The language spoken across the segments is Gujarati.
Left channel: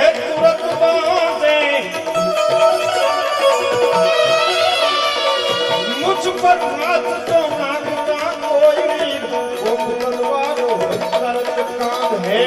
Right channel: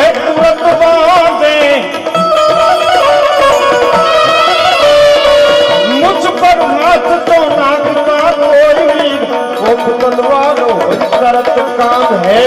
है तुरंत बांधे मुझ पर हाथ तो नागना कोई वो तलवारों शरत काम है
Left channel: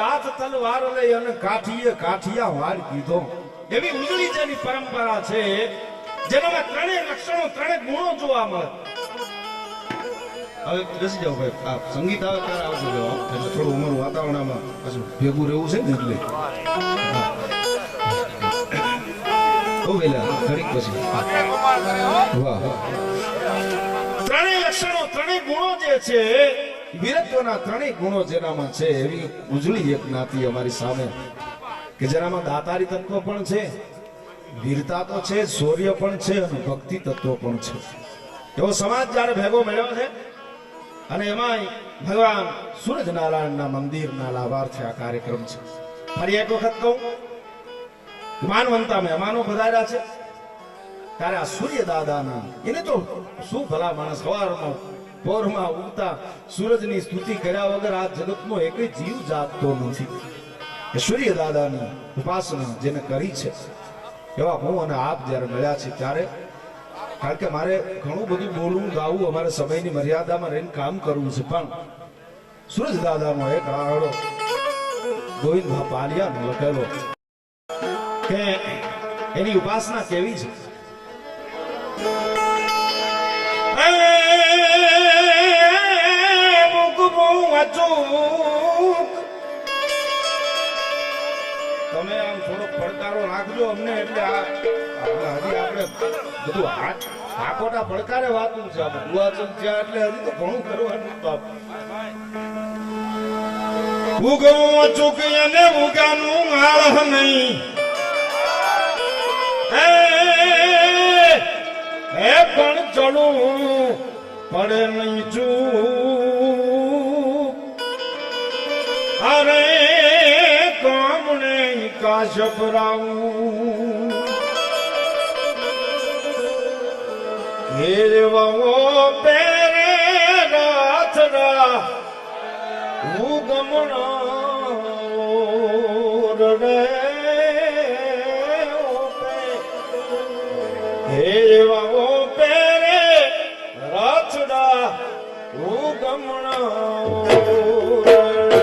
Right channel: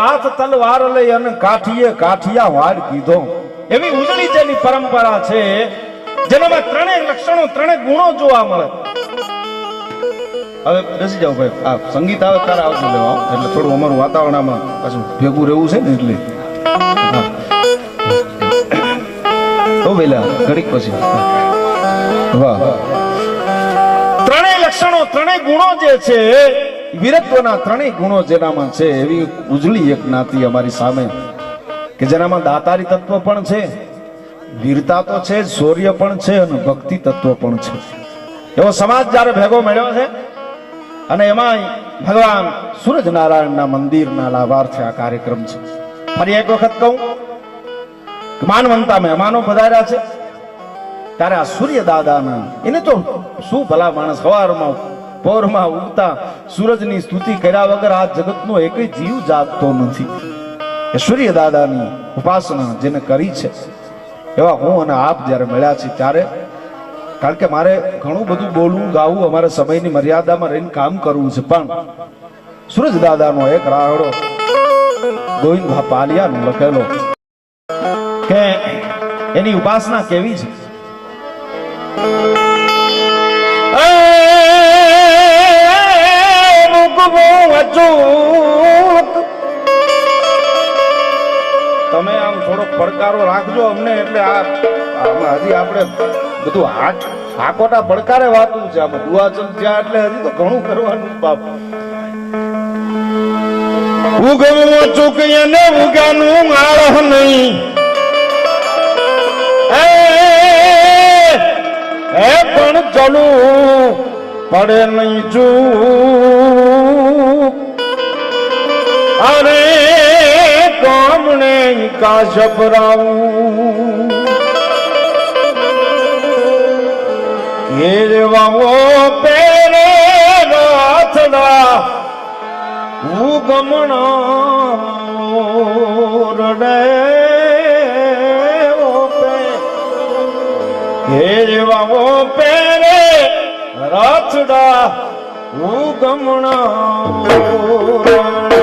હાથ તલવાર લઈ અને કાઠીએ કાઠિયા વાળ કીધો એવી ઉજળી જેની પરંપરા છે જેનામાં ત્રણેય લક્ષણો ત્રણેય ગુણો જોવા મળે. હવે બેસી જાવ ભાઈ, આ સંગીત આવે ત્યારે આવજો લેવા, એટલે થોડું અમારું વાતાવરણમાં પાછું ભેગું રહેવું છે ને એટલે તો વેલા ઘડીક પછી વાહ. ત્રણેય લક્ષણો ત્રણેય ગુણો જે છે વીરત્વના ત્રણેય ગુણો જેનામાં છે એવી ઉજળી એક નાતી અમારી સામે કે જેનામાં દાતારી તત્વ પણ છે, વીરતા તો છે, શૌર્ય પણ છે અને ભક્તિ તત્વ પણ છે. એવો સમાજ જ્યારે ભેગો મળ્યો છે અને એમાં ભગવાન સૂરજનારાયણના મંદિરના લાભાર્થે આ કાર્યક્રમ છે. ફરી એક વખત કહું, માનવંતા મહેમાનો પધાર્યા છે ત્યારે આ સૂર્ય દાદાના એને તો શું ભલા માણસ સવારમાં પોરમાં ઉગતા સૂરજની સ્તુતિ કર્યા વગર આ જગતનો એક જીવ જાગતો નથી. એ સૂર્ય દાદાની ઉપાસના જેને કરી છે એવા હું અને આપ જ્યારે મળ્યા છે ત્યારે, કારણ કે મારે ઘણું બધું બોલવું ગાવું અમારે સમયની મર્યાદામાં રહીને કામ કરવું છે, પણ સૂરજ દાદાનો એક રાહડો ગોવિંદ પાલિયાનો લખેલો કે એની ઉપાસના કેવી છે. તમે આમ થોડો પડકારો રાખજો અમને, એટલે હજી આપણે બધું હાકોટા પડકારે વાતું છે. આમાં દુઆચલ જ્યાં એટલે હજી તો ઘણું કરવાનું બાપ. ઉગવું ચૂકી અને ઉગાનું આળહ નહીં, હે પણ ચલું પડે નહીં ચૂક. અરે કામણે કાશ પરાવું ઘેરવાઓ પેરે રાથડા હું ગમણા રડે ઘેરવાઓ પેરે રાથડા હું ગમણા રડે.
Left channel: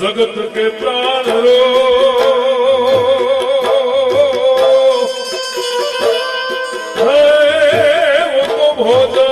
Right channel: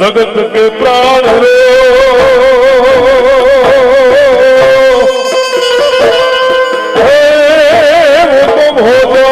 जगत के प्राण रे वो तो भोग